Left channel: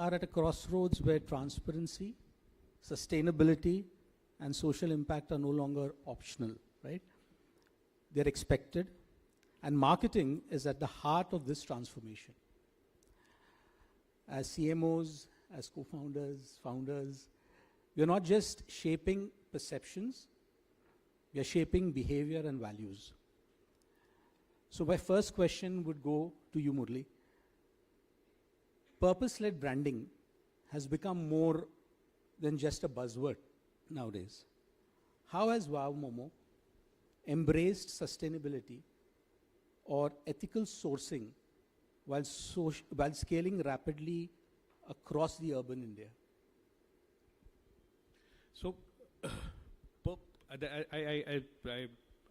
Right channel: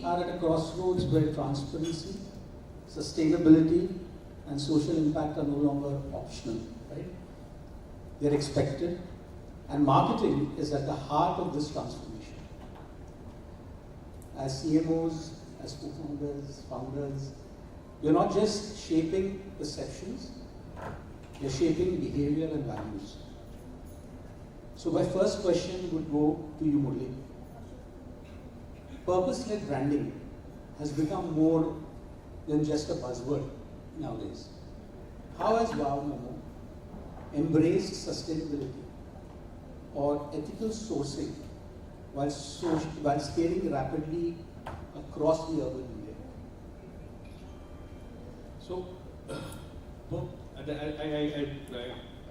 are at a crossroads where transparency, sustainability, and social impact are no longer optional, right? They're expected, and marketing is at the heart of this transformation. As CMOs, as co-founders, founders, we're not just shaping perceptions, we're shaping behavior and values. So my first question would go to you, Murali. Purpose-led branding has become more than just a buzzword nowadays. How has Momo embraced sustainability or ethical sourcing while scaling rapidly across the urban India? So,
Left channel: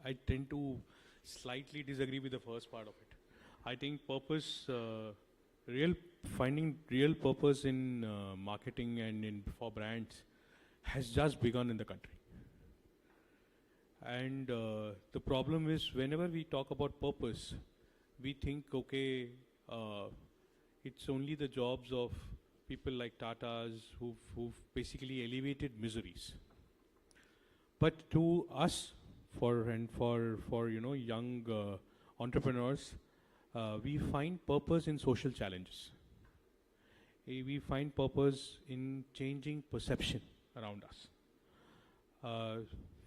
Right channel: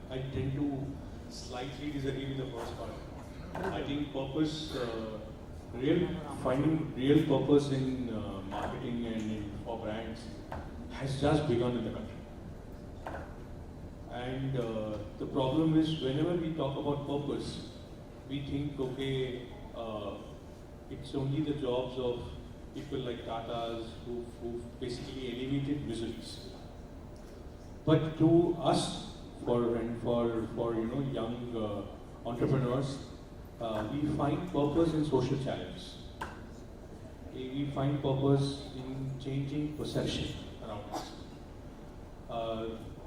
I tend to slightly disagree with the first part. I think finding real purpose in marketing and for brands has just begun in the country. And the problem is, whenever we talk about purpose, we think, okay, it's only the jobs of people like Tatas who basically elevated business. But to us, for young entrepreneurs, we find purpose in social challenges. We find purpose in changing perception around us.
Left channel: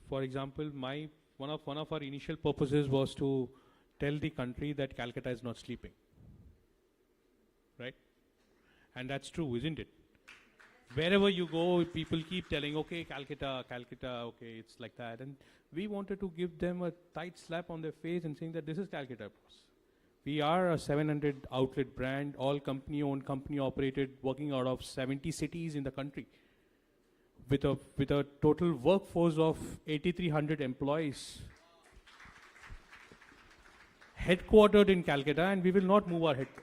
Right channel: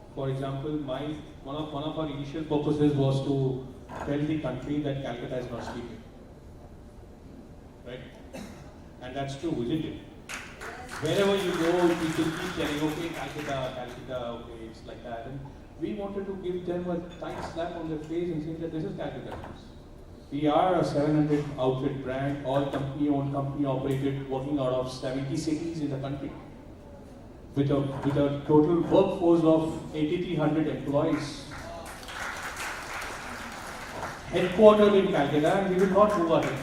For example, one of our initial purposes was to tell the country that Calcutta is not sleeping. Right? And that's true, isn't it? Wherever you go, people keep telling, okay, Calcutta, okay, it's like that. And we wanted to give them a tight slap on the face and say that this is Calcutta. We are a 700 outlet brand, all company-owned, company-operated, working out of 70 cities in the country, with a total workforce of 8,300 employees. Headquartered in Calcutta, we will not do our thing.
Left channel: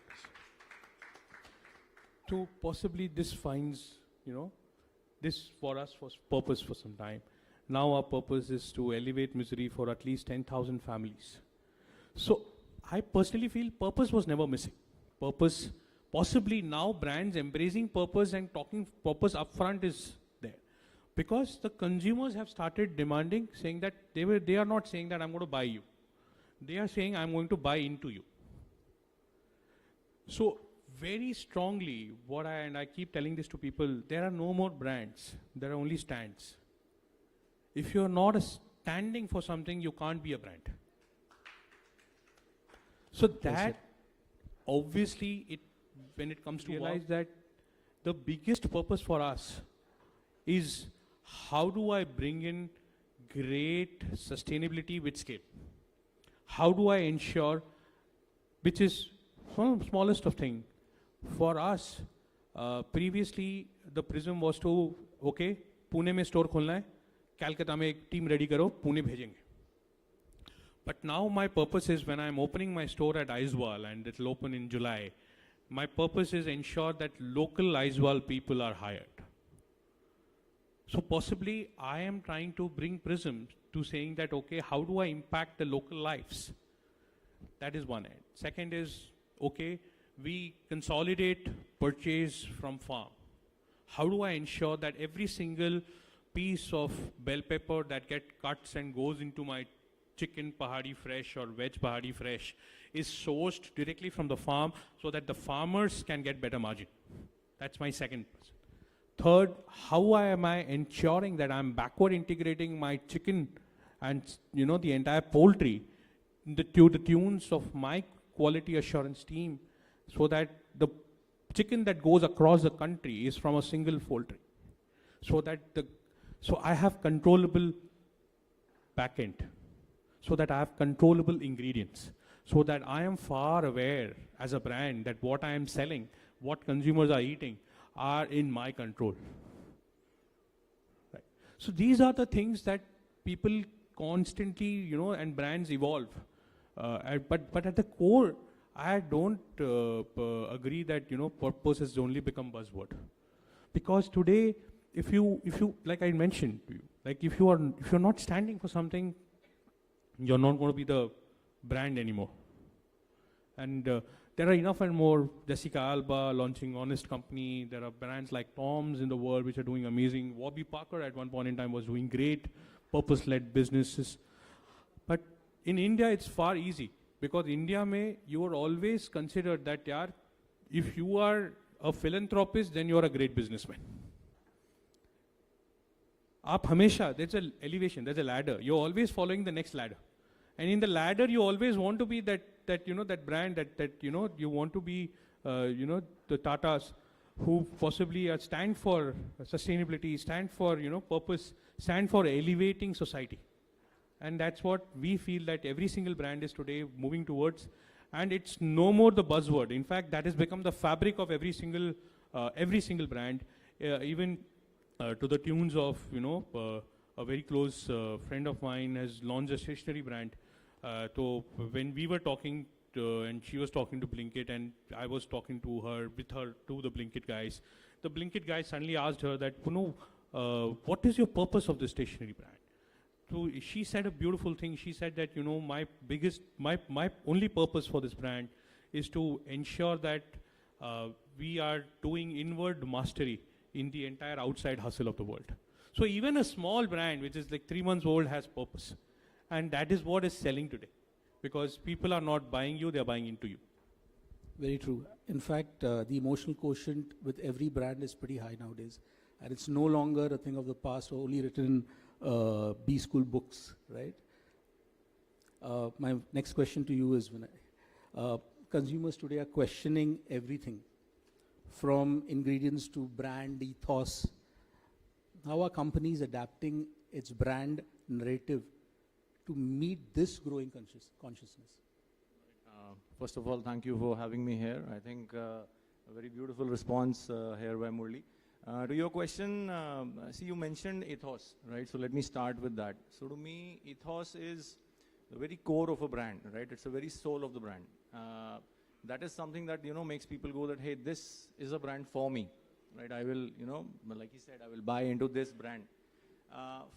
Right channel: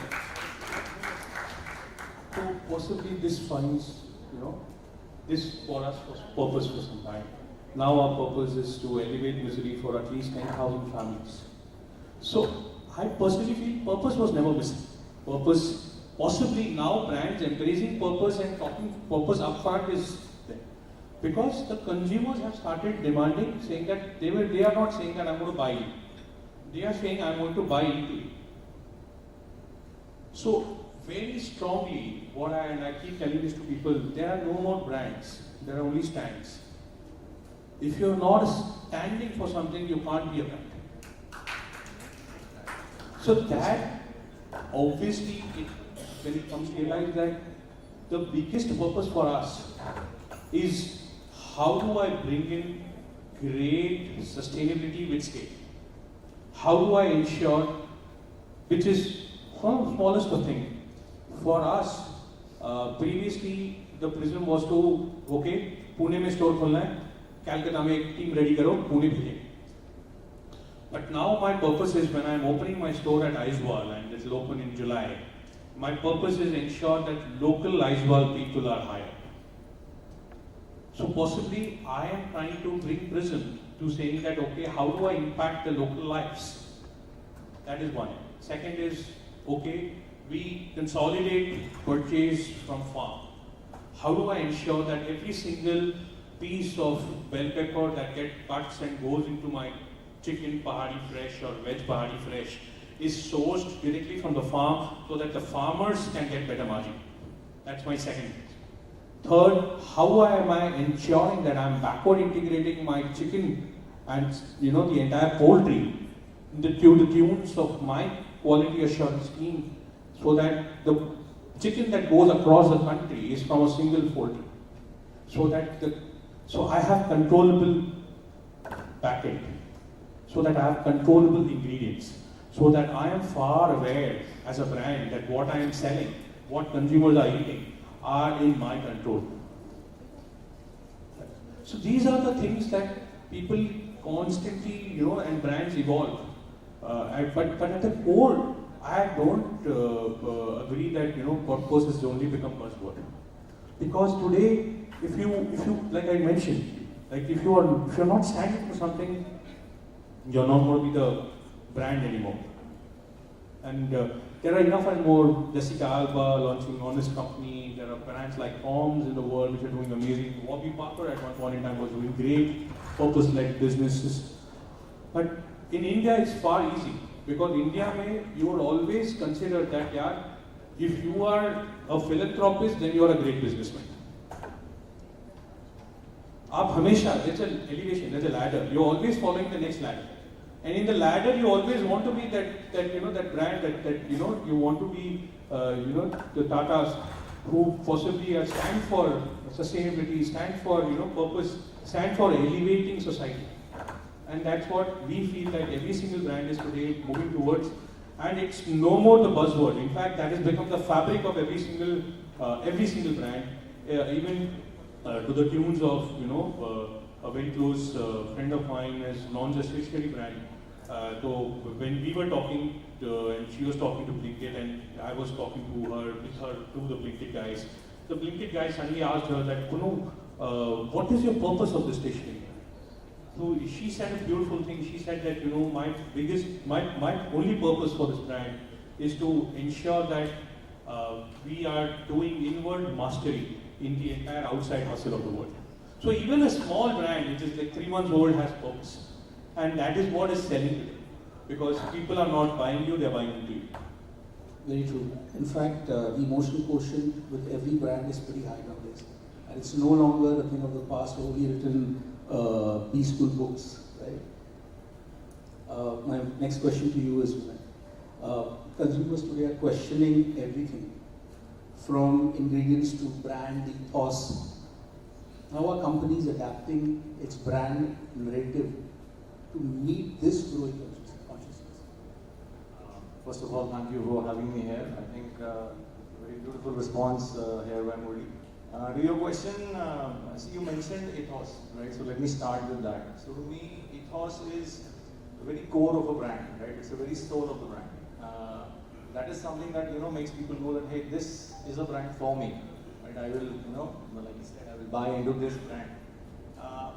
So possibly this finds, this for us was purpose. Now our purpose is to elevate misery for at least 10,000 families. So I personally feel purpose was never missing. Purpose, possibly now brands embracing purpose and talking purpose upfront is there. Because the consumers have started demanding, saying that they are not saying that I'm going to buy you. They are saying I'm going to buy into you. So very strongly, and I keep telling this to people, there are no more brands, there are only stands. If you're not standing for something, you can't be a brand. So that, obviously, when it comes to realize that the biggest purpose for us is how do I bring in great sustainability with scale? How do I ensure, which is one of the smallest of things. For us, previously the prism was to, okay, Pune mein store khulna hai, Calcutta mein team ready karo, Pune bheje. But now my purpose is, when I am opening my store at Aizwal, and it will open in July, my purpose is to ensure that local Aizwal people are hired. So possibly I am trying to bring prism to saying that, okay, how do I impact the local lives? That is one. Second is, okay, we consolidate purchase from farm. How do I ensure that every single piece of bell pepper that gets cuts and goes into my chicken Pahadi fresh or veg Pahadi fresh is sourced directly from the farm so that the farmers can get better margin? That's my second. Third, how am I ensuring that I'm backward integrating my chicken and the entire poultry to the tunes of my quality assurance scheme, so that the chicken that goes across the country is from a single poultry. So I have controllable package, so that I have controllable ingredients, so that I am far aware as a brand that what I am selling, what consumers are eating, are in my control. So these are the things that people constantly, and brands evolve. But at the core, I don't agree that purpose is only become buzzword. Because today, if you like I mentioned, like if you're not standing for something, you're not going to be the brand anymore. And there are enough and more. Jessica Alba launching Honest Company. There are brands like Palms in the world which are doing amazing. Warby Parker at one point in time was doing great purpose-led businesses. But in India, it's far easy because in India, you would always consider that if you are a philanthropist, then you are a great businessman. आप हमेशा, there's an elevation, there's a ladder. You're always following the next ladder. And in the ladder, you always want to be that brand that you want to be the Tatas who possibly stand for sustainability, stand for purpose, stand for elevating society. And that's what we feel that every single brand is today moving towards. And it's no more the buzzword. In fact, that has become the fabric of every single brand, even to the tunes of a very close friend of mine has launched a stationery brand. So when we were talking and she was talking to Blinkit and I was talking to the Blinkit guys, the Blinkit guys suddenly asked her that, what is your purpose of the stationery? So she said a beautiful thing. She said that my only purpose for this brand is to ensure that we are doing inward mastery in the entire outside hustle of the world. So even a small brand which is like 3 months old has purpose. And that is what is selling because people are not buying you, they are buying you. Very true. In fact, the emotional quotient with every brand is pretty high nowadays. And it's no longer the thing of the past where we written B-school books, right? My next question to you is, consumers today are questioning everything from ingredients to brand ethos. How are companies adapting its brand narrative to meet this growing consciousness? First of all, thank you for having me here. I think very beautiful response here, Adgully. To your question, as you mentioned ethos, right? So let me start with that. So to me, ethos is the very core of a brand, right? It's a very soul of a brand. That is something that makes people go, hey, this is a brand for me, right? I will, like you said, I'll buy into this brand.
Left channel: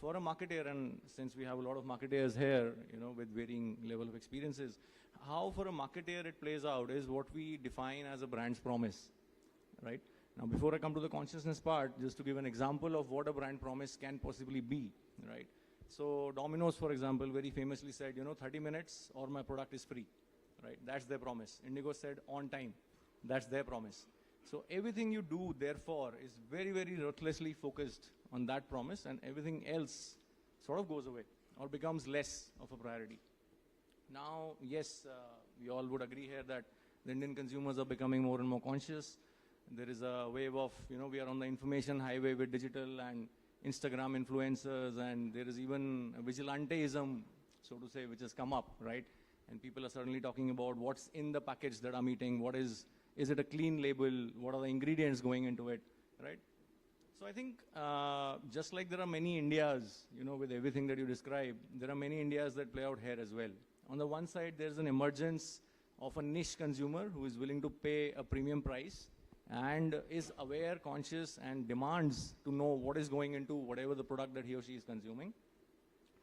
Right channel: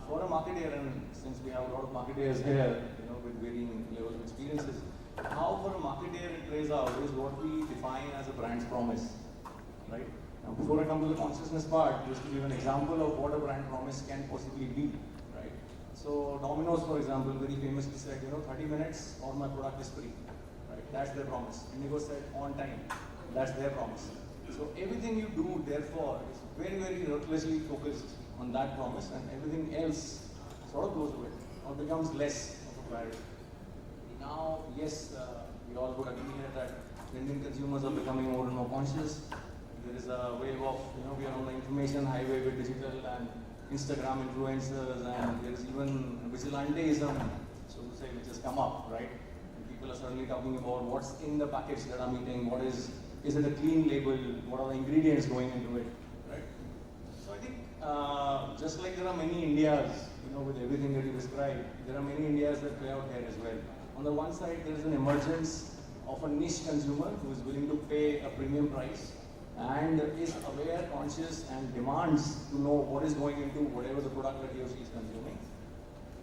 For a marketer, and since we have a lot of marketers here, with varying level of experiences, how for a marketer it plays out is what we define as a brand's promise, right? Now, before I come to the consciousness part, just to give an example of what a brand promise can possibly be, right? So Domino's, for example, very famously said, 30 minutes, all my product is free, right? That's their promise. Indigo said on time, that's their promise. So everything you do, therefore, is very, very ruthlessly focused on that promise, and everything else sort of goes with it, or becomes less of a priority. Now, yes, you all would agree here that Indian consumers are becoming more and more conscious. There is a wave of, we are on the information highway with digital and Instagram influencers, and there is even vigilanteism, so to say, which has come up, right? People are suddenly talking about what's in the package that I'm eating, is it a clean label, what are the ingredients going into it, right? So I think just like there are many Indias, with everything that you described, there are many Indias that play out here as well. On the one side, there is an emergence of a niche consumer who is willing to pay a premium price and is aware, conscious, and demands to know what is going into whatever the product that he or she is consuming.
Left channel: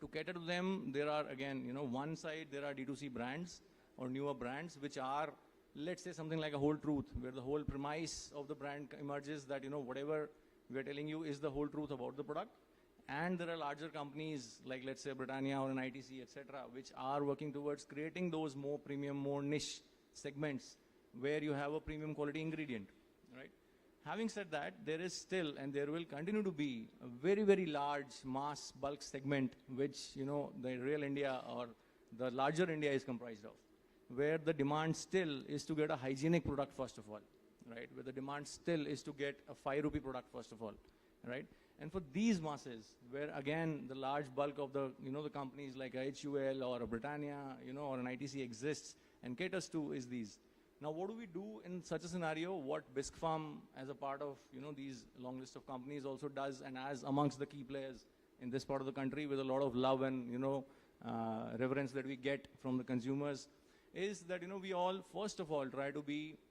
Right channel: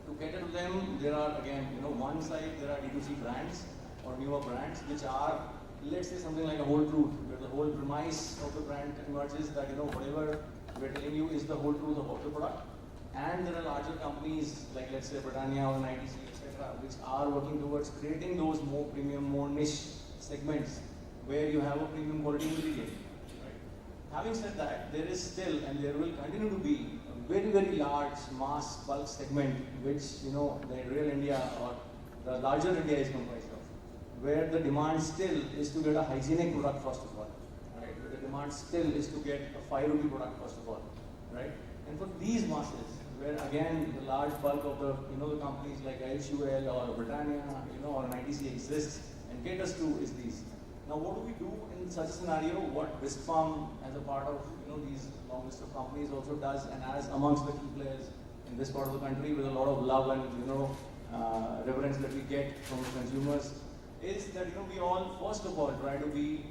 To cater to them, there are again, one side there are industry brands or newer brands which are, let's say, something like a whole truth, where the whole premise of the brand emerges that whatever we're telling you is the whole truth of the product. And there are larger companies like, let's say, Britannia or 90, etc., which are working towards creating those more premium, more niche segments where you have a premium quality ingredient. Right? Having said that, there is still and there will continue to be a very, very large mass bulk segment, which where real India or the larger India is comprised of, where the demand still is to get a hygienic product first of all, right? Where the demand still is to get a 5 rupee product first of all, right? And for these masses, where again the large bulk of the companies like HUL or Britannia, or 90C exists and caters to is these. Now, what we do in such a scenario, what Bisk Farm as a part of these long list of companies also does, and as amongst the key players in this part of the country with a lot of love and reverence that we get from consumers, is that we all first of all try to be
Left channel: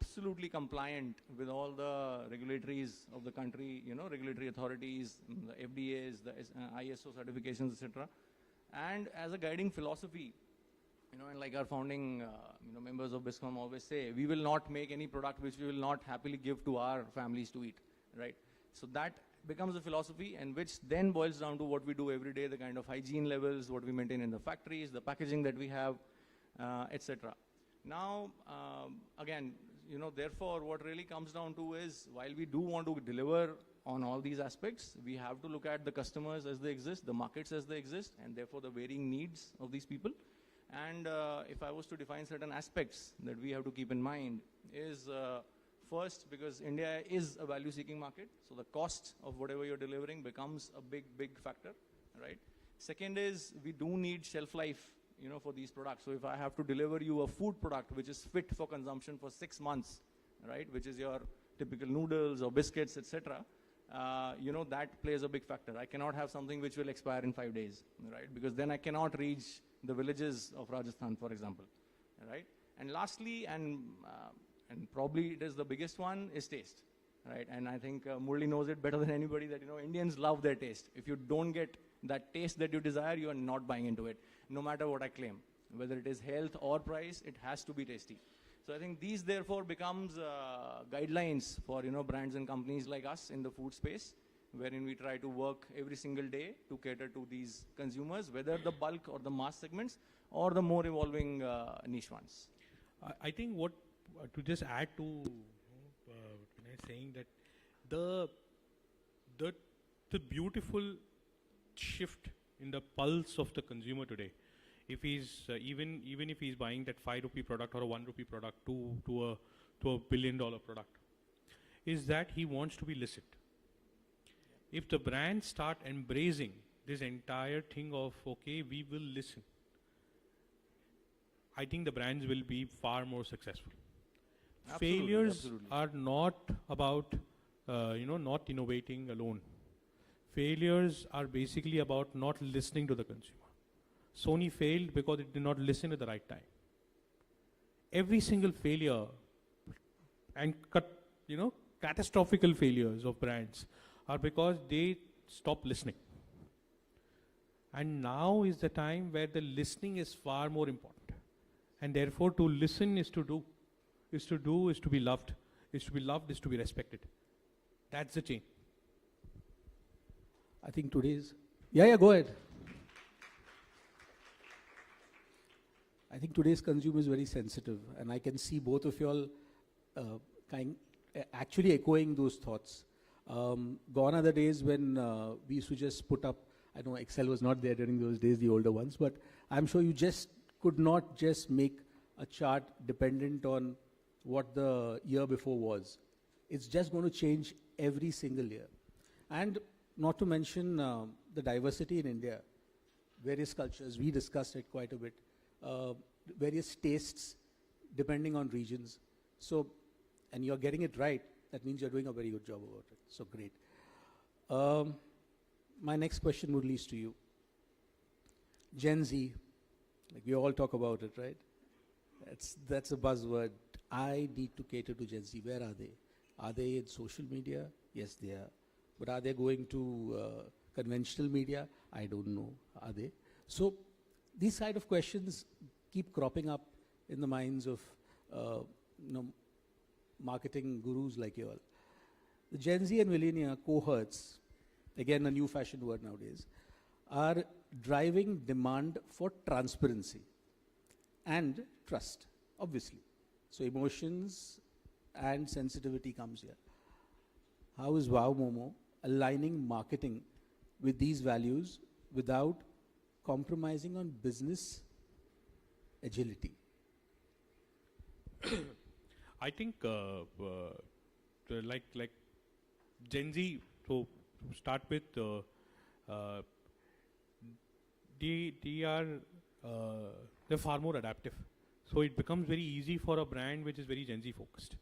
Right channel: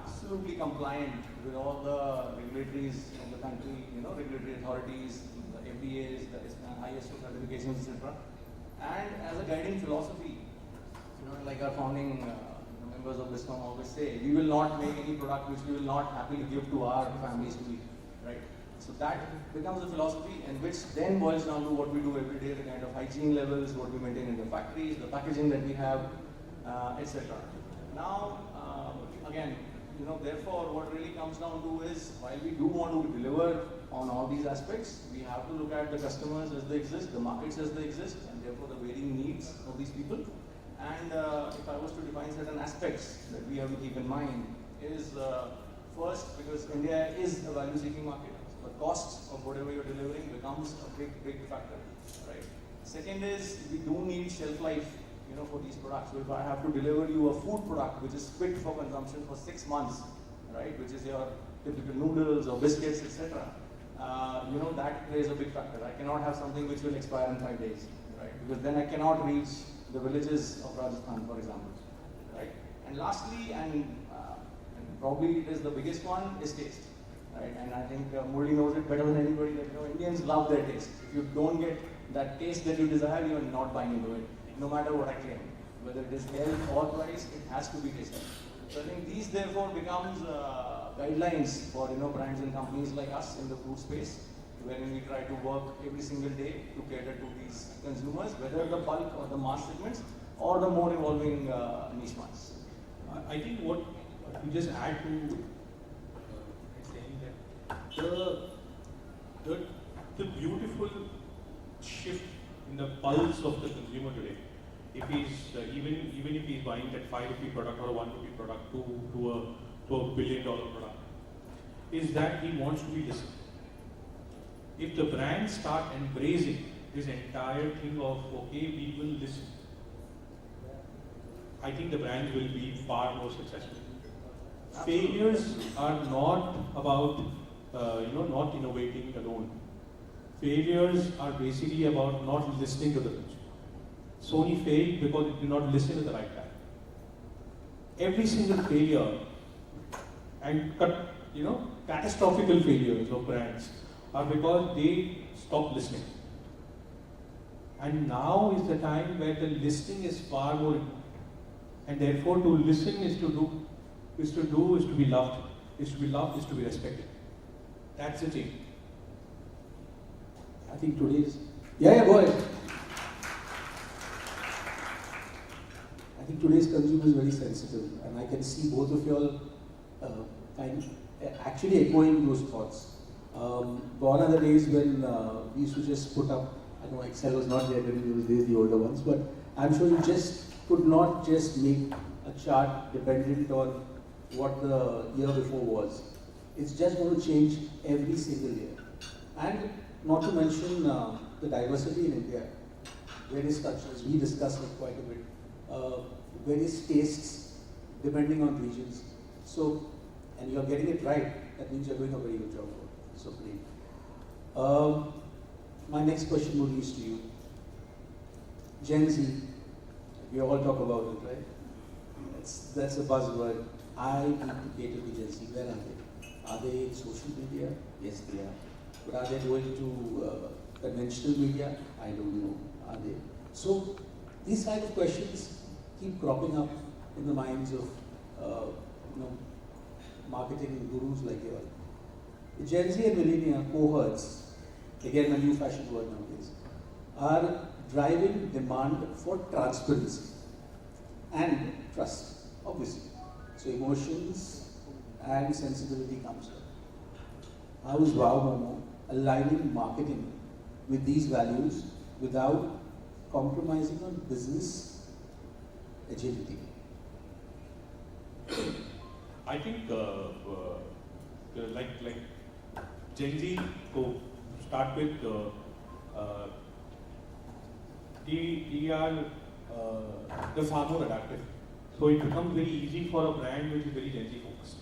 absolutely compliant with all the regulatories in the country, regulatory authorities, the FDAs, ISO certifications, etc. And as a guiding philosophy, like our founding members of Krishnan always say, we will not make any product which we will not happily give to our family that becomes a philosophy, and which then boils down to what we do every day, the kind of hygiene levels, what we maintain in the factories, the packaging that we have, etc. Now, again, therefore, what really comes down to is, while we do want to deliver on all these aspects, we have to look at the customers as they exist, the markets as they exist, and therefore the varying needs of these people. And if I was to define certain aspects that we have to keep in mind, is first, because India is a value-seeking market, so the cost of whatever you're delivering becomes a big factor, right? Second is, we do need shelf life, for these products. So if I have to deliver you a food product which is fit for consumption for 6 months, right, which is your typical noodles or biscuits, etc., that plays a big factor. I cannot have something which will expire in 5 days, right, because then I cannot reach the villages of Rajasthan, for example, right? And lastly, and probably it is the biggest one, is taste, right? And I think Murali knows it better than anybody, that Indians love their taste. If you don't get that taste that you desire, you are not buying into it, no matter what I claim. Whether it is health or price, it has to be tasty. So I think these therefore becomes guidelines for brands and companies like us in the food space, wherein we try to work every single day to cater to these consumers, whether the bulk or the mass segments or the more evolving niche ones. I think what to just add to saying that the beautiful shift in the pulse of the consumer today, if he's even if he's buying that 5 rupee product or 1 rupee product to a $1 billion product, is that he wants to be listened. If the brands start embracing this entire thing of okay, we will listen, I think the brand will be far more successful. Failures are not about not innovating alone. Failures are basically about not listening to the consumer. Sony failed because it did not listen at the right time. Every single failure and catastrophical failures of brands are because they stop listening. And now is the time where the listening is far more important. And therefore to listen is to be loved, is to be respected. That's the change. I think today's go ahead. I think today's consumer is very sensitive, and I can see both of you all actually echoing those thoughts. Gone are the days when we used to just put up, I know Excel was not there in those days, the older ones, but I'm sure you just could not just make a chart dependent on what the year before was. It's just going to change every single year. And not to mention the diversity in India. Various such, as we discussed it quite a bit, various tastes depending on regions. So, and you're getting it right, that means you're doing a very good job. So great. My next question will lead to you. Gen Z, we all talk about it, right? Yes, that's a buzzword. I need to cater to Gen Z. Where are they? Are they social media? Yes, they are. But are they going to conventional media? I don't know. Are they? So these kind of questions keep cropping up in the minds of marketing gurus like you. The Gen Z and millennial cohorts, again a new fashion word nowadays, are driving demand for transparency and trust, obviously. So emotions and sensitivity comes there. How is Momo aligning marketing with these values without compromising on business agility? I think like Gen Z, to start with, they are the far more active. So it becomes very easy for a brand which is very Gen Z focused.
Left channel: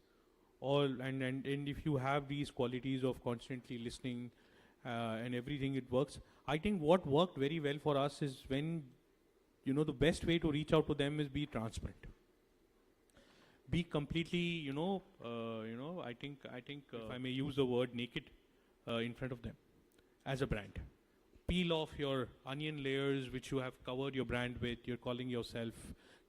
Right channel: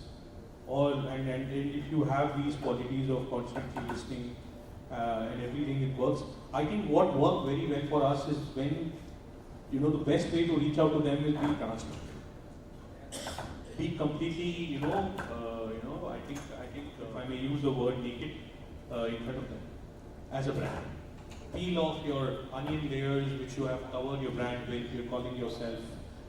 And if you have these qualities of constantly listening and everything, it works. I think what worked very well for us is when the best way to reach out to them is be transparent. Be completely, I think if I may use the word naked in front of them as a brand. Peel off your onion layers which you have covered your brand with, you're calling yourself,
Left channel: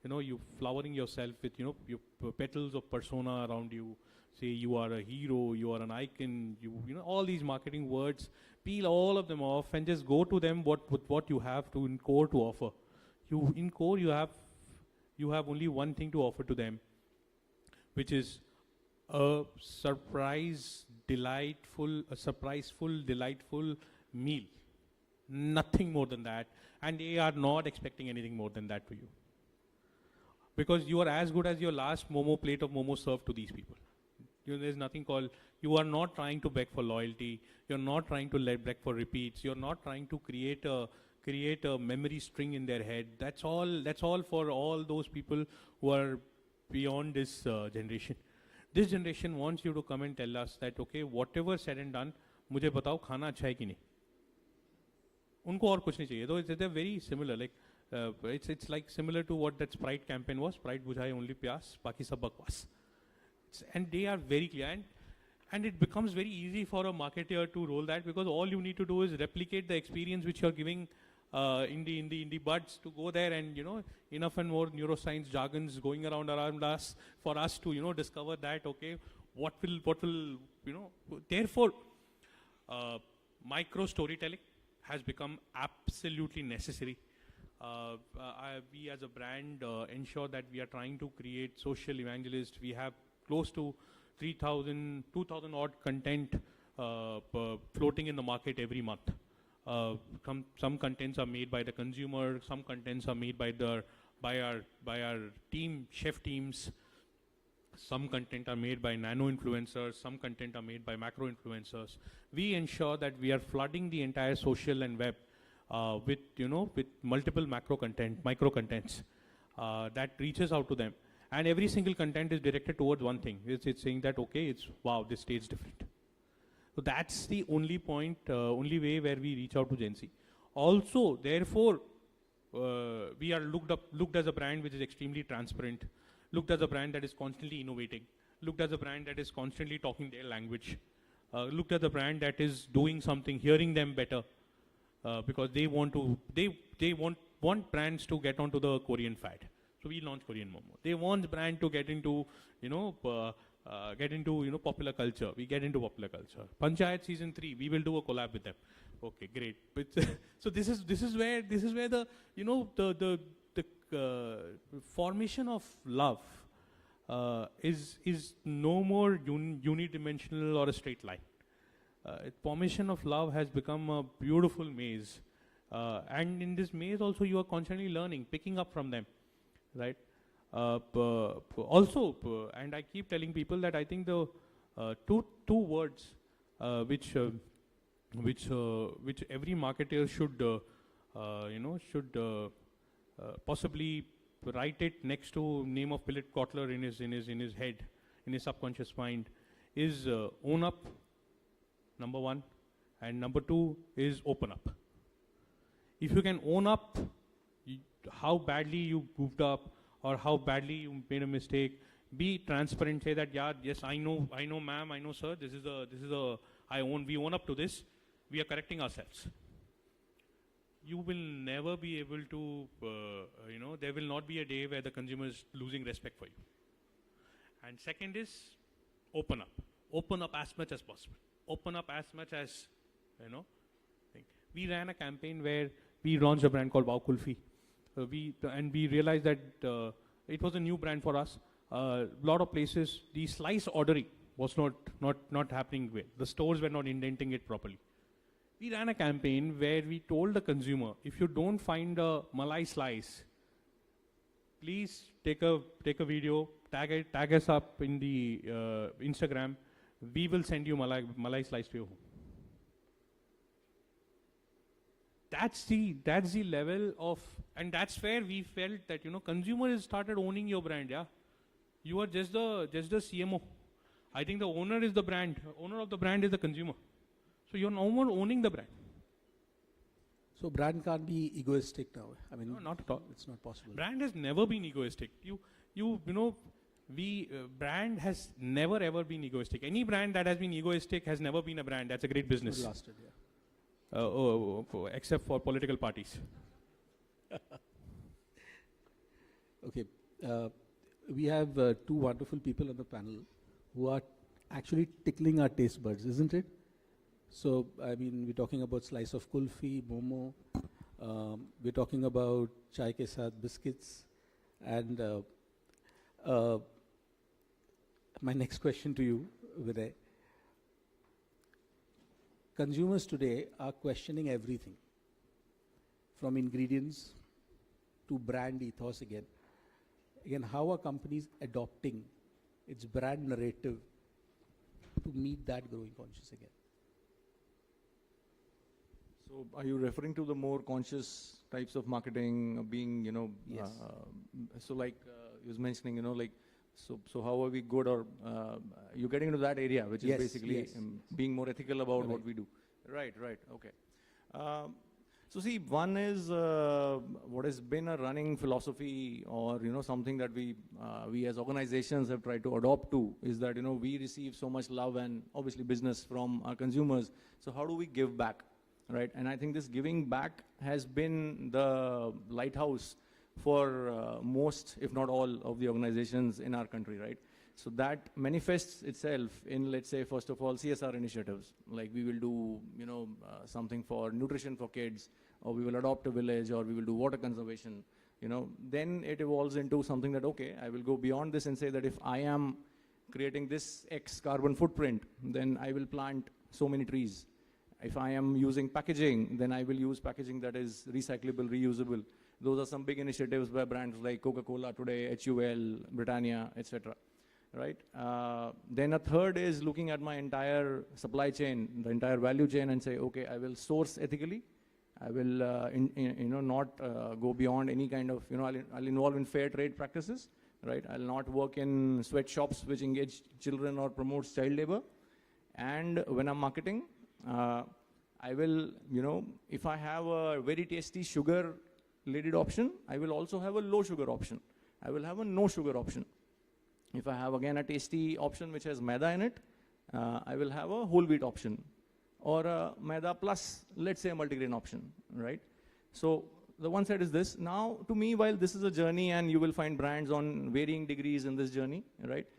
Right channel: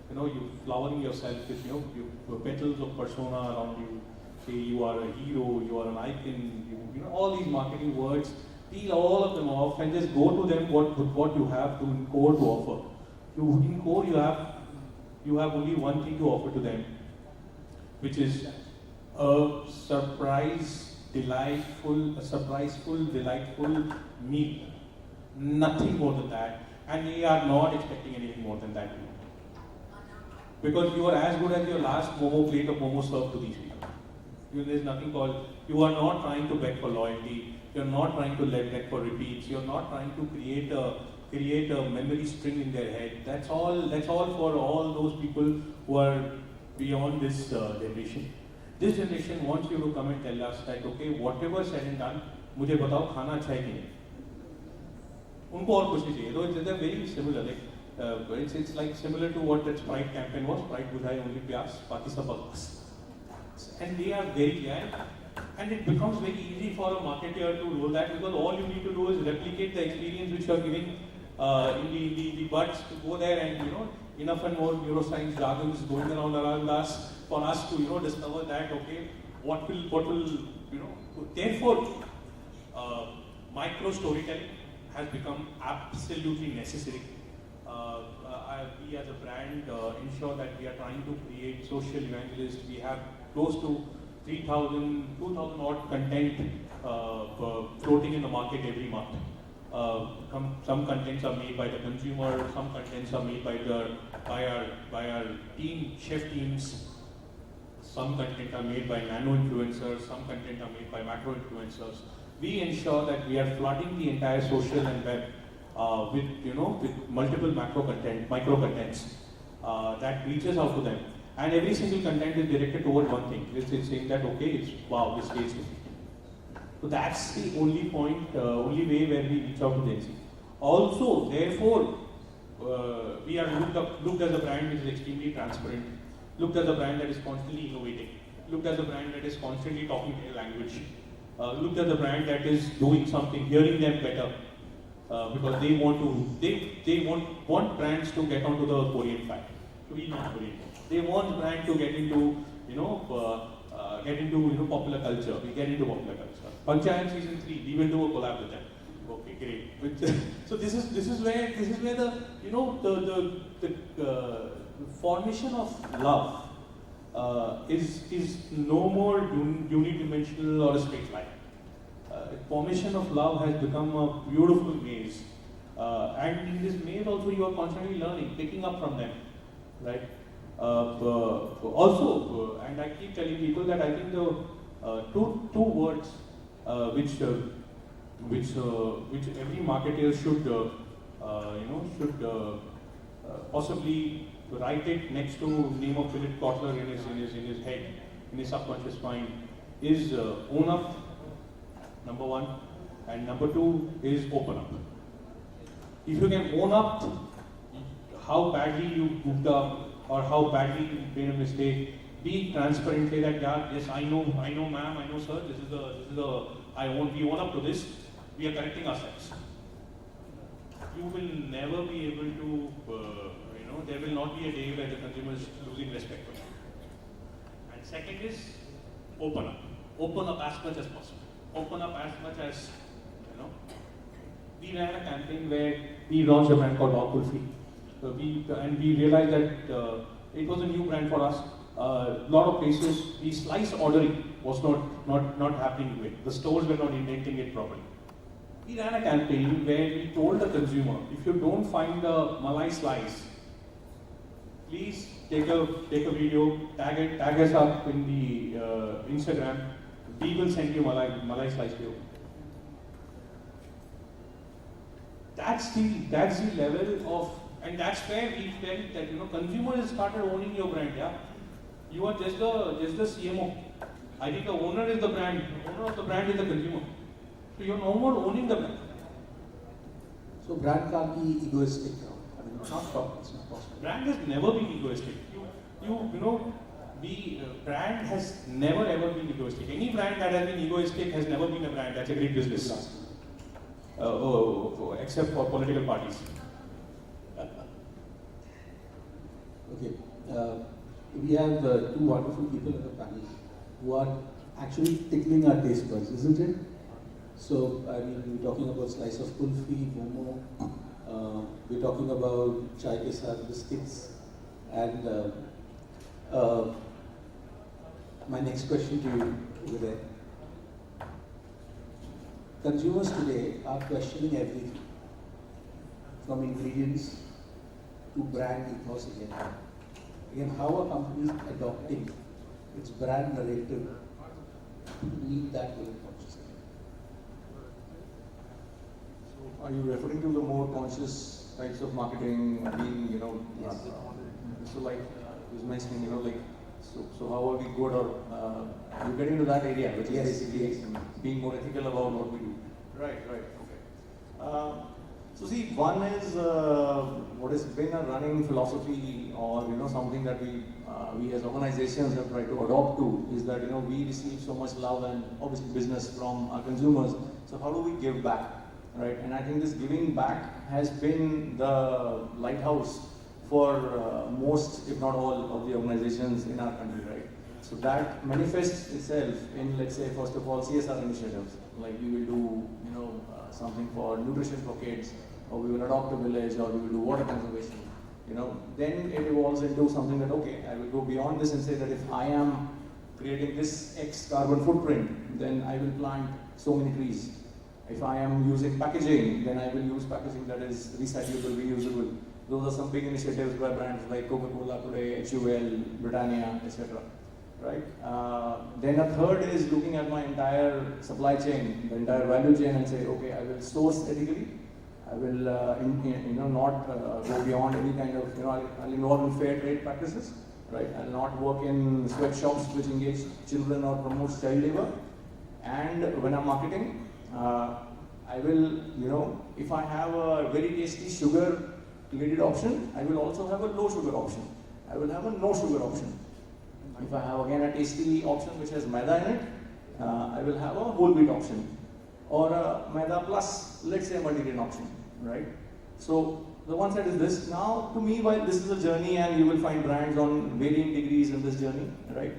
you're flowering yourself with your petals of persona around you. Say you are a hero, you are an icon, all these marketing words, peel all of them off and just go to them what you have in core to offer. In core you have only one thing to offer to them, which is a surpriseful, delightful meal. Nothing more than that. And they are not expecting anything more than that. Because you are as good as your last Momo plate of Momo served to these people. There is nothing called, you are not trying to beg for loyalty, you are not trying to beg for repeats, you are not trying to create a memory string in their head. That's all for all those people who are beyond this generation. This generation wants you to come and tell us that, okay, whatever said and done, मुझे बताओ खाना चाहिए. उनको और कुछ चाहिए. So they're very similar. It's like similar to what the Sprite campaign was. Sprite would have only pyas, baki sab bugs. And they are very glad. And it becomes very easy for a marketer to do that because all you need to do is replicate the experience which you are giving in the buds, go there and enough and more neuroscience jargons going around us for us to discover that what will therefore micro storytelling has become absolutely necessary. We as a brand ensure that we are trying to create social evangelists. We have close to 2,000 odd content floating in the market every month. Some contents are made by the consumer, some contents are made by our team, chef teams. Some content are made by nano influencers, some content are made by macro influencers. We ensure that we are flooding the entire social and web with multiple micro contents that reaches out to them. And every single content is directed toward one thing. This is saying that wow, this tastes good. So that's the only only way where we reach out to this. Also, therefore, we are looked as a brand that is extremely transparent, looked as a brand that is constantly innovating, looked as a brand that is constantly talking their language, looked as a brand that is doing something, hearing them better, because they want brands to get onto the Korean fat, to be not Korean. They want brand to get into popular culture. We get into popular culture. Panchayat season 3, we will do a collab with them. Okay, great. So this is where the formation of love is no more unidimensional or a straight line. The formation of love has become a beautiful maze, and in this maze also you are constantly learning, picking up from them, right? Also, and I keep telling people that I think the two words which every marketer should possibly write it next to Nemo Philip Cotter in his head, in his subconscious mind, is own up, number one, and number two is open up. If you can own up how badly you goofed up or how badly you made a mistake, be transparent, say that, yeah, yes, I know ma'am, I know sir, we own up to this, we are correcting ourselves. You will never be able to, there will not be a day where the consumer is losing respect for you. And second is, open up. Open up as much as possible. Open up as much as, we ran a campaign where we launched a brand called Adgully. So we realized that it was a new brand for us. A lot of places, the slice ordering was not happening with. The stores were not inventing it properly. We ran a campaign where we told the consumer, if you don't find the Malai slice, please take a video, tag us up in the Instagram. We will send you Malai slice video. That's the level of, and that's where we felt that consumers started owning your brand. Yeah? You are just a CMO. I think the owner is the brand. The owner of the brand is the consumer. So you're no more owning the brand. So brand can't be egoistic. Brand has never been egoistic. Brand has never ever been egoistic. Any brand that has been egoistic has never been a brand. That's a great business. Except for political parties. Okay. We have two wonderful people in the panel who are actually tickling our taste buds, isn't it? So, I mean, we're talking about slice of kulfi, momo, we're talking about chai ke saath biscuits, and my next question to you over there. Consumers today are questioning everything, from ingredients to brand ethos again. Again, how are companies adopting its brand narrative to meet that goal consciously? So are you referring to the more conscious types of marketing being, Yes. So like I was mentioning, like, so how are we good or you get into that area, which is basically being more ethical about what we do. Right, okay. So see, one is what has been a running philosophy, or something that we as organizations have tried to adopt to, is that we receive so much love and obviously business from our consumers. So how do we give back, right? And I think this giving back has been the lighthouse for most, if not all, of the organizations in our country, right? So that manifests itself in, let's say, first of all, CSR initiatives. Like we will do, something for nutrition for kids, or we will adopt a village, or we will do water conservation. Then it evolves into something that, okay, I will go beyond this and say that if I am creating this X carbon footprint, then I will plant so many trees. If I am using packaging, then I will use packaging that is recyclable, reusable. Those are some big initiatives by brands like Coca-Cola today, HUL, Britannia, etc. Right? Then a third is looking at my entire supply chain, the entire value chain, and say, okay, I will source ethically. I will, not go beyond any kind of, I'll involve in fair trade practices, right? I'll not work in sweatshops which engage children or promote child labor. And when I'm marketing, I will, if I have a very tasty sugar-related option, I will also have a low sugar option. I will have a no sugar option. If I have again a tasty option which has maida in it, I will have a whole wheat option. Or a maida plus, let's say, multigrain option, right? So the one side is this. Now, to me, while this is a journey and you will find brands on varying degrees in this journey, right?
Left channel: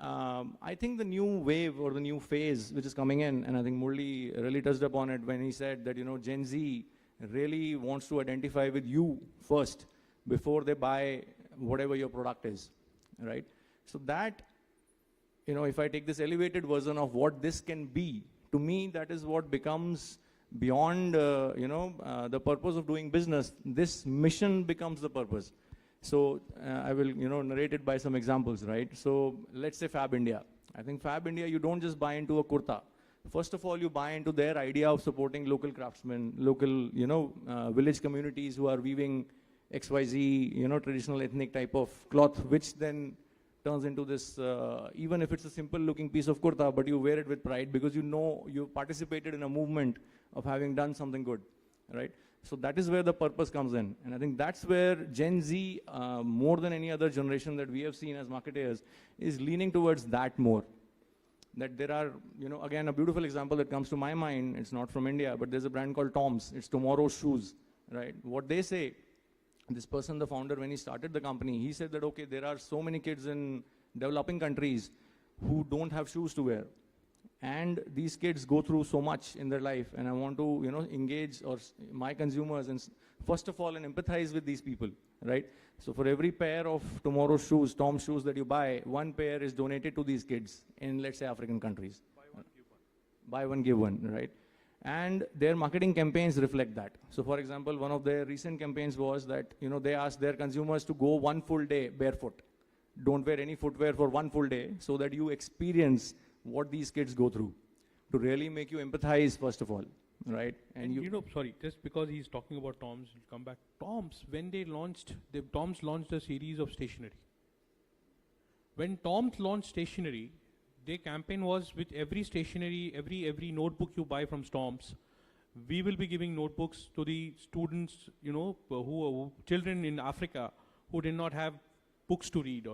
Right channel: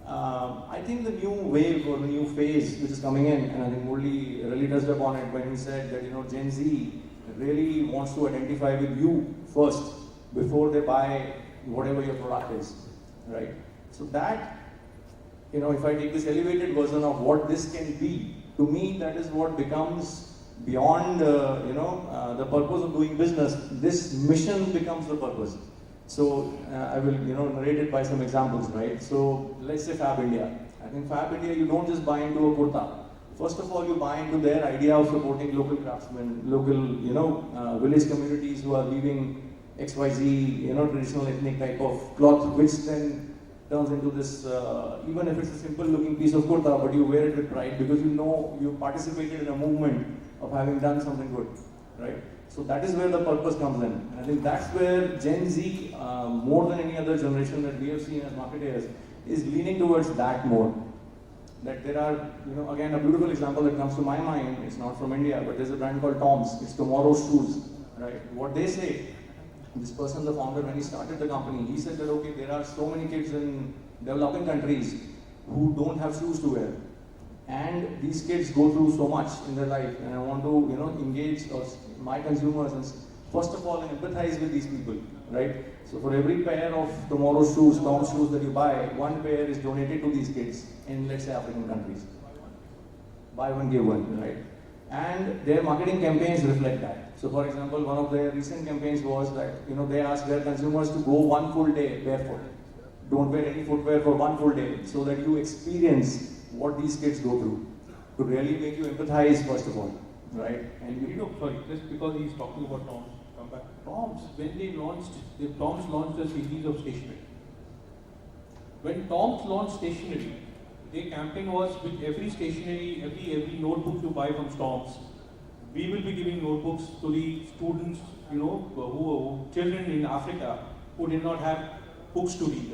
I think the new wave or new phase which is coming in, and I think Murali really touched upon it when he said that Gen Z really wants to identify with you first before they buy whatever your product is, right? So that, if I take this elevated version of what this can be, to me that is what becomes beyond, the purpose of doing business. This mission becomes the purpose. So I will, narrate it by some examples, right? So let's say Fab India. I think Fab India, you don't just buy into a kurta. First of all, you buy into their idea of supporting local craftsmen, local, village communities who are weaving XYZ, traditional ethnic type of cloth, which then turns into this, even if it's a simple looking piece of kurta, but you wear it with pride because you participated in a movement of having done something good, right? So that is where the purpose comes in. I think that's where Gen Z, more than any other generation that we have seen as marketers, is leaning towards that more. That there are, again, a beautiful example that comes to my mind, it's not from India, but there's a brand called Tom's, it's tomorrow's shoes, right? What they say, this person, the founder, when he started the company, he said that, okay, there are so many kids in developing countries who don't have shoes to wear. And these kids go through so much in their life, and I want to, engage my consumers, and first of all, empathize with these people, right? So for every pair of tomorrow's shoes, Tom's shoes that you buy, one pair is donated to these kids in, let's say, African countries. Buy one, give one, right? And their marketing campaigns reflect that. So for example, one of their recent campaigns was that, they asked their consumers to go one full day barefoot. Don't wear any footwear for one full day, so that you experience what these kids go through, to really make you empathize first of all, right? And sorry, just because he's talking about Tom's, Tom's, when Tom's launched a series of stationery. When Tom's launched stationery, their campaign was with every stationery, every notebook you buy from Tom's, we will be giving notebooks to the students, children in Africa who did not have books to read.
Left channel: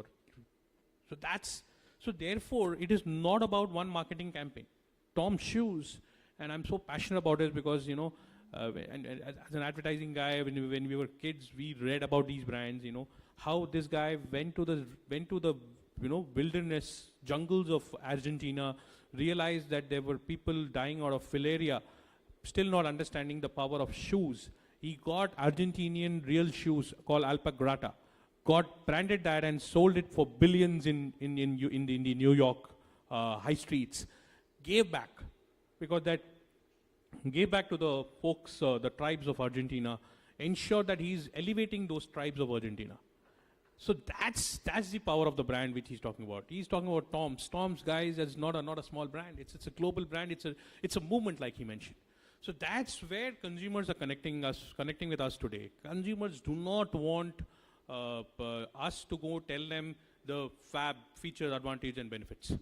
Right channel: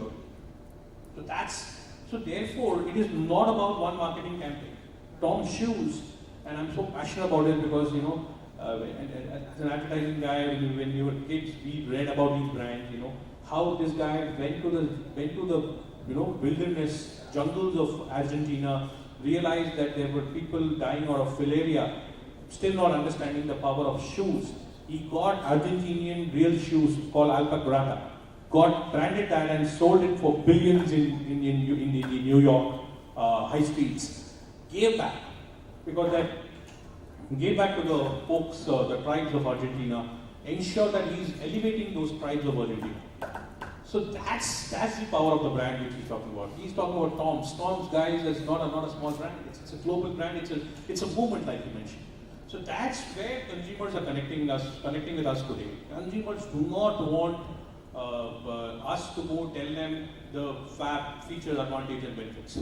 So therefore, it is not about one marketing campaign. Tom's shoes, and I'm so passionate about it because, as an advertising guy, when we were kids, we read about these brands, how this guy went to the wilderness, jungles of Argentina, realized that there were people dying out of malaria, still not understanding the power of shoes. He got Argentinian real shoes called alpaca, got branded that and sold it for billions in New York high streets. Gave back, because that gave back to the folks, the tribes of Argentina, ensured that he's elevating those tribes of Argentina. So that's the power of the brand he's talking about. He's talking about Tom's. Tom's, guys, is not a small brand. It's a global brand. It's a movement, like you mentioned. So that's where consumers are connecting with us today. Consumers do not want us to go tell them the feature, advantage, and benefits.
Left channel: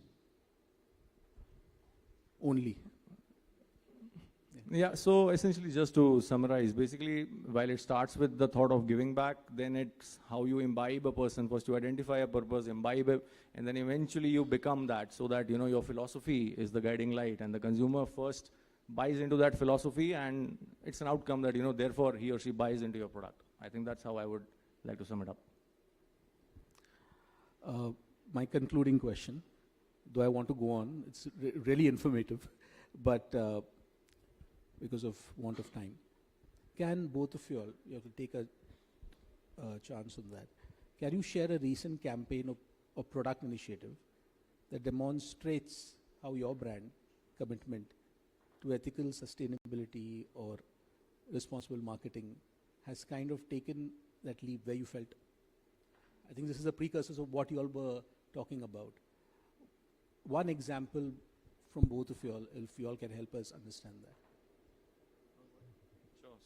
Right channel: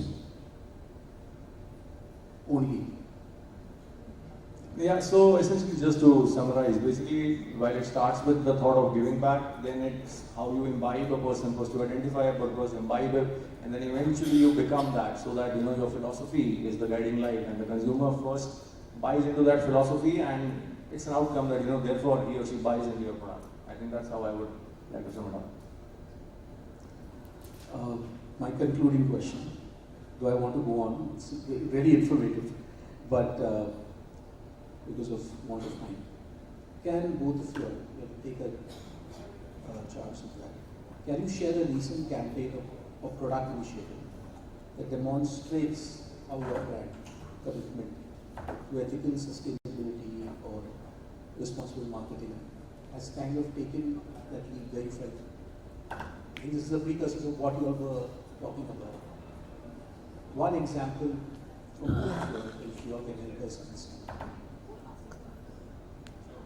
Only. Yeah, so essentially just to summarize, basically while it starts with the thought of giving back, then it's how you imbibe a person, was to identify a purpose, imbibe it, and then eventually you become that, so that your philosophy is the guiding light, and the consumer first buys into that philosophy, and it's an outcome that therefore he or she buys into your product. I think that's how I would like to sum it up. My concluding question, though I want to go on, it's really informative, but because of more time, can both of you take a chance of that? Can you share a recent campaign or product initiative that demonstrates how your brand commitment to ethical sustainability or responsible marketing has kind of taken that lead very far? This is the precursor to what you were talking about. One example from both of you, if you are going to help us.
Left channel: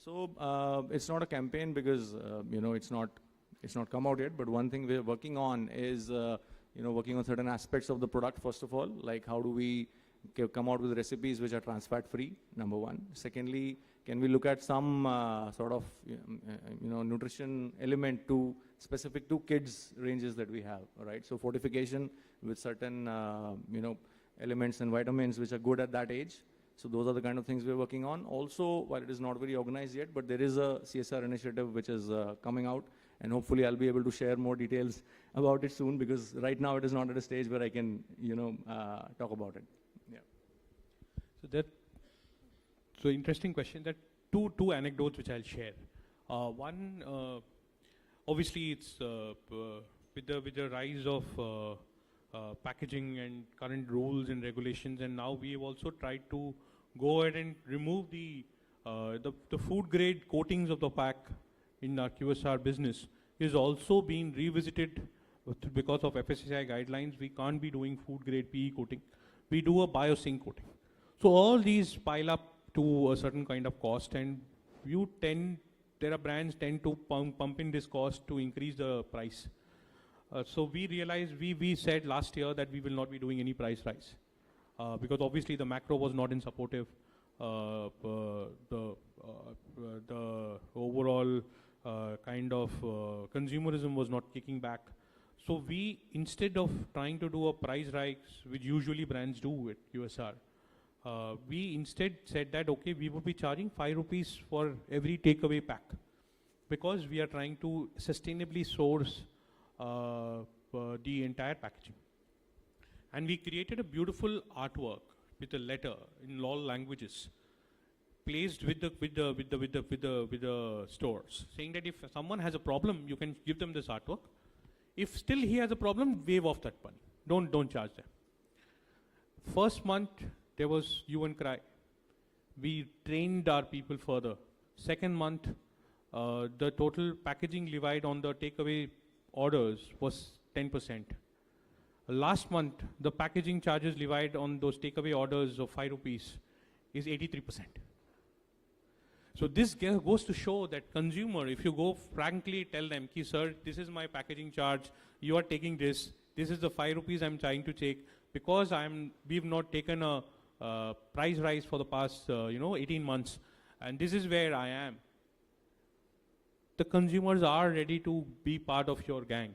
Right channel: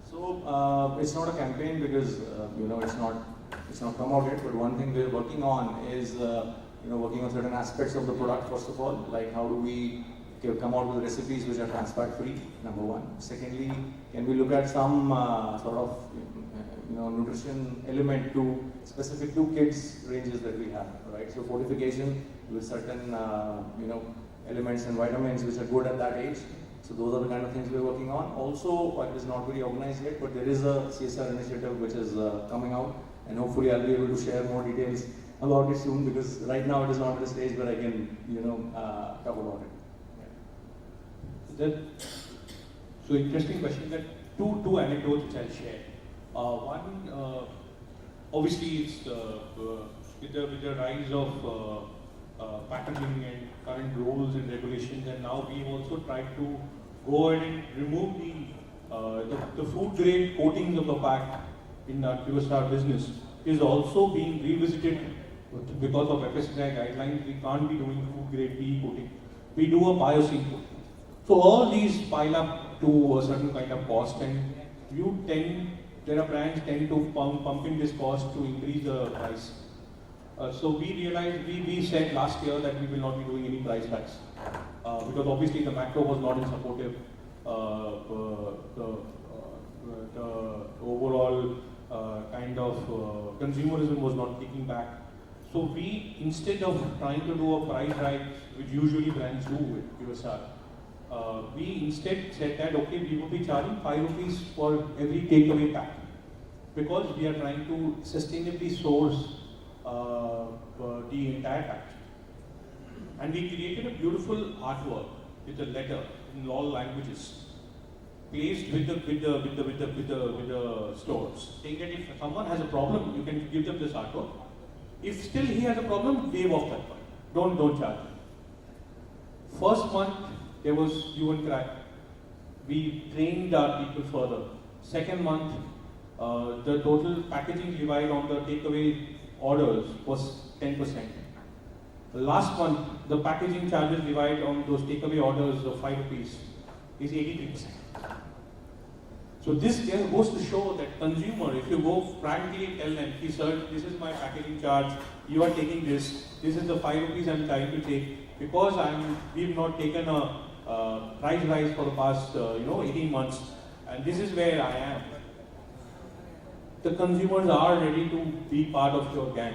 So it's not a campaign because it's not come out yet. But one thing we're working on is working on certain aspects of the product. First of all, like how do we come out with recipes which are trans fat free? Number one. Secondly, can we look at some sort of nutrition element to specific to kids ranges that we have, right? So fortification with certain elements and vitamins which are good at that age. So those are the kind of things we're working on. Also, it is not very organized yet, but there is a CSR initiative which is coming out, and hopefully I'll be able to share more details about it soon, because right now it is not the stage where I can, talk about it. So interesting question. Two anecdotes I'll share. One, obviously, it's with the rise of packaging and current rules and regulations, and now we've also tried to go ahead and remove the food grade coatings of the pack in our QSR business is also being revisited because of FSCI guidelines. We can't be doing food grade PE coating. We do a bioseal. So all these pile up to a certain kind of cost, and there are brands tend to pumping this cost to increase the price. So we realized, we said last year that we will not be doing any price hikes. Because obviously the macro was not supportive. The overall kind of consumerism was not kicking back. So we, instead of trying to do a price hike, which usually brands do with QSR, we instead said that okay, we will be charging 5 rupees for every takeaway pack, because we are trying to sustainably source the entire batch. And we created a beautiful artwork with a letter in all languages, placed with the stores, saying that if someone has a problem, you can give them this artwork. If still he has a problem, waive off that. Don't charge. First month, there was human crack. We trained our people further. Second month, the total packaging divided on the takeaway orders was 10%. Last month, the packaging charges divided on those takeaway orders of 5 rupees is 83%. So this goes to show that consumer, if you go frankly tell them, sir, this is my packaging charge, you are taking this is the 5 rupees I am trying to take, because we've not taken a price rise for the past 18 months, and this is where I am. The consumers are ready to be part of your gang,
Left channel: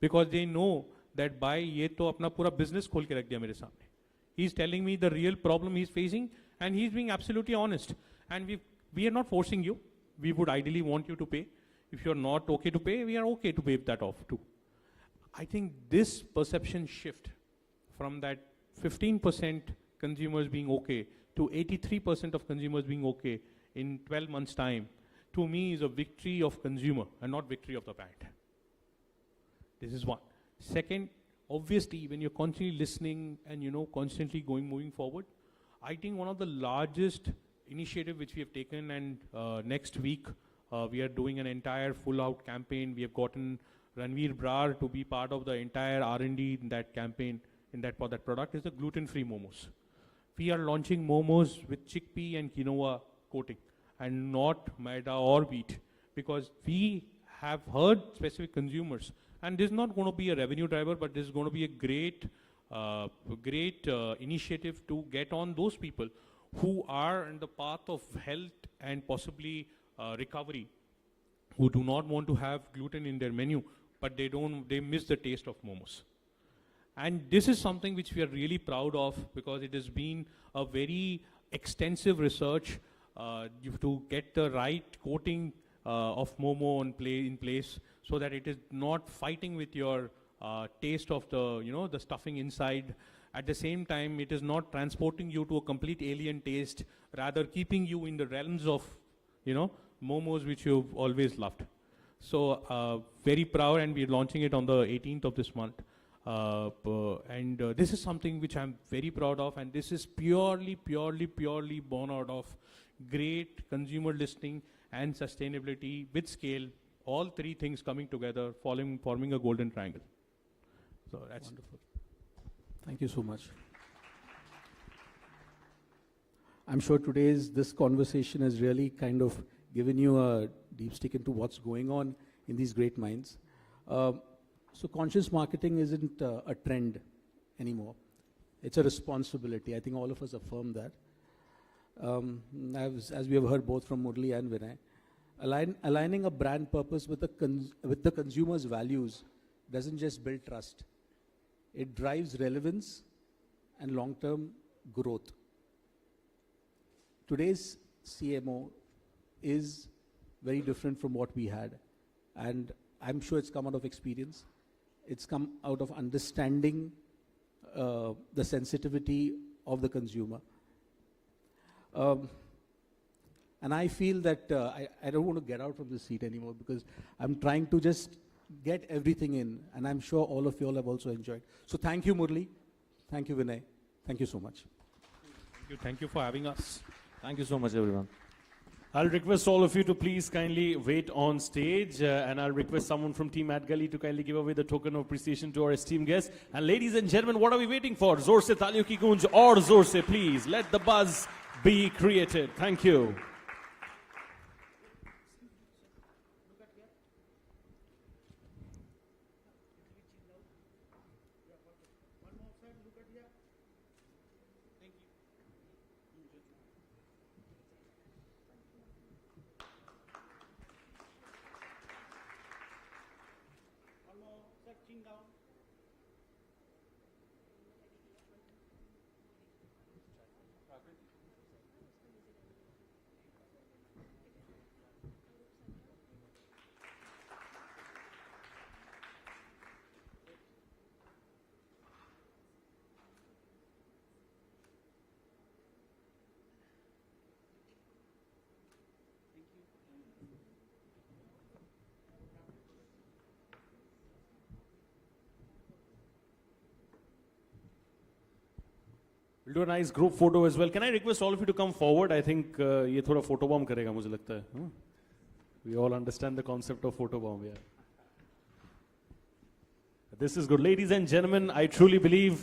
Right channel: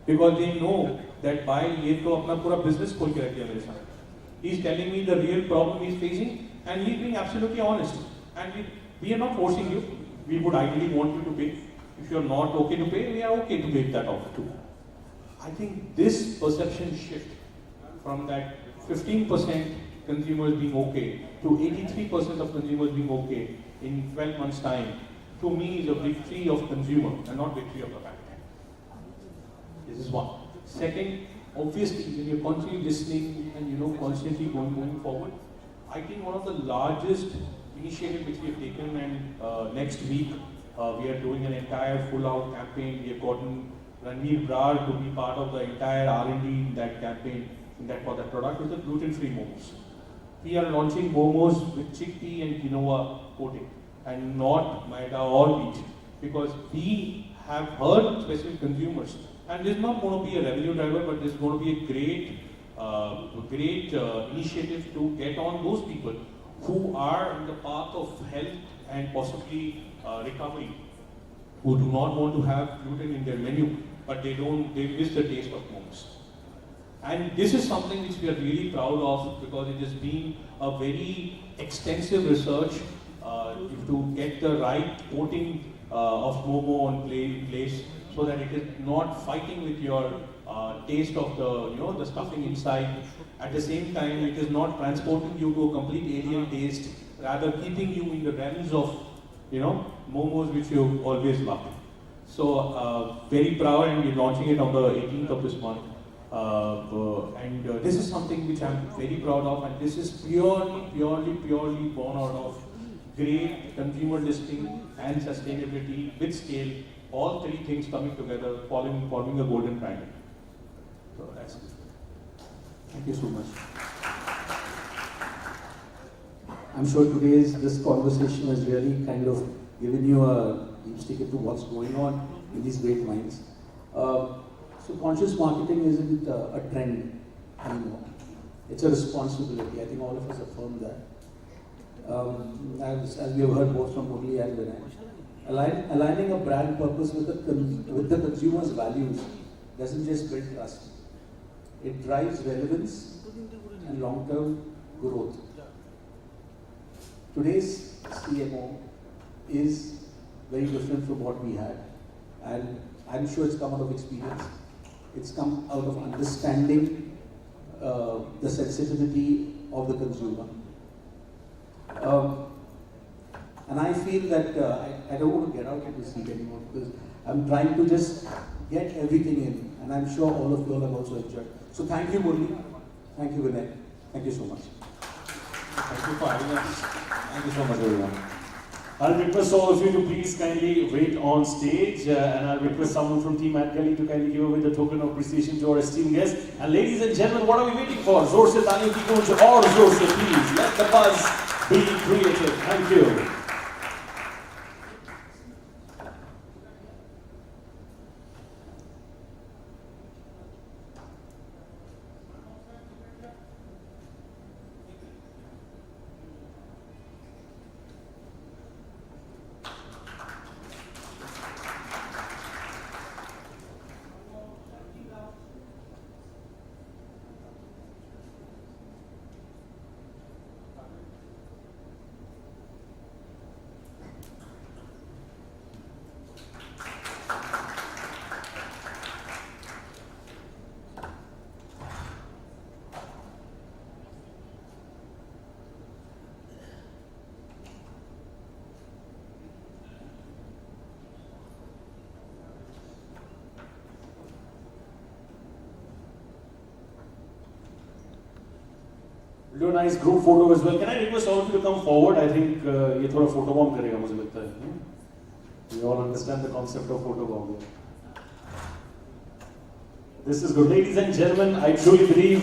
because they know that by ये तो अपना पूरा business खोल के रखे मेरे साथ. He's telling me the real problem he's facing, and he's being absolutely honest. And we are not forcing you. We would ideally want you to pay. If you are not okay to pay, we are okay to waive that off too. I think this perception shift from that 15% consumers being okay to 83% of consumers being okay in 12 months' time, to me is a victory of consumer and not victory of brand. This is one. Second, obviously, when you're constantly listening and constantly going forward, I think one of the largest initiatives which we have taken, and next week we are doing an entire full-out campaign. We have gotten Ranveer Brar to be part of the entire R&D in that campaign, for that product, is the gluten-free momos. We are launching momos with chickpea and quinoa coating, and not maida or wheat, because we have heard specific consumers, and this is not going to be a revenue driver, but this is going to be a great initiative to get on those people who are on the path of health and possibly recovery, who do not want to have gluten in their menu, but they miss the taste of momos. And this is something which we are really proud of, because it has been a very extensive research to get the right coating of momo in place, so that it is not fighting with your taste of the stuffing inside. At the same time, it is not transporting you to a complete alien taste, rather keeping you in the realms of momos which you always loved. So very proud, and we're launching it on the 18th of this month. And this is something which I'm very proud of, and this is purely born out of great consumer listening and sustainability with scale, all three things coming together, forming a golden brand. So that's it. Thank you so much. I'm sure this conversation has really kind of given you a deep stick into what's going on in these great minds. So conscious marketing isn't a trend anymore. It's a responsibility. I think all of us affirm that. As we have heard both from Murali and Vinay, aligning a brand purpose with the consumer's values doesn't just build trust. It drives relevance and long-term growth. Today's CMO is very different from what we had, and I'm sure it's come out of experience. It's come out of understanding the sensitivity of the consumer. And I feel that I don't want to get out of the seat anymore, because I'm trying to just get everything in, and I'm sure all of you have also enjoyed. So thank you, Murali. Thank you, Vinay. Thank you so much. Thank you for having us. Thank you so much, everyone. I'll request all of you to please kindly wait on stage, and I'll request someone from Team Adgully to kindly give away the token of appreciation to our esteemed guests. And ladies and gentlemen, what are we waiting for? Zor se taali ki kuch aur zor se please. Let the buzz be creative. Thank you. Do a nice group photo as well. Can I request all of you to come forward? I think ये थोड़ा photo bomb करेगा मुझे लगता है. We all understand the concept of photo bomb. This is good, ladies and gentlemen. I truly believe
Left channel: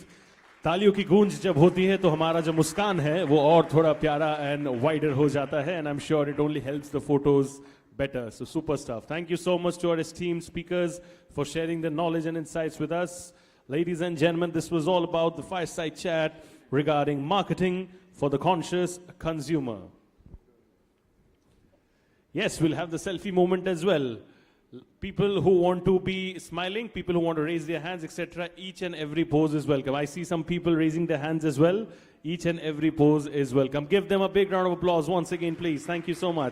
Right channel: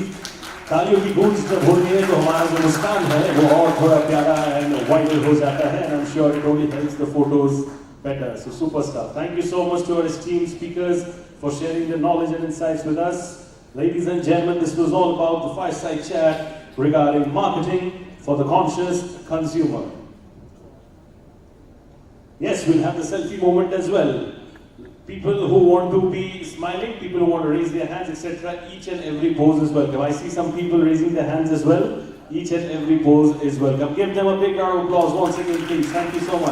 तालियों की गूंज जब होती है तो हमारा जो मुस्कान है वो और थोड़ा प्यारा and vital हो जाता है. I'm sure it only helps the photos better. So superstar. Thank you so much to our esteemed speakers for sharing their knowledge and insights with us. Ladies and gentlemen, this was all about the fireside chat regarding marketing for the conscious consumer. Yes, we have the selfie moment as well. People who want to be smiling, people who want to raise their hands, etc. Each and every pose is welcome. I see some people raising their hands as well. Each and every pose is welcome. Give them a big round of applause once again, please. Thank you so much.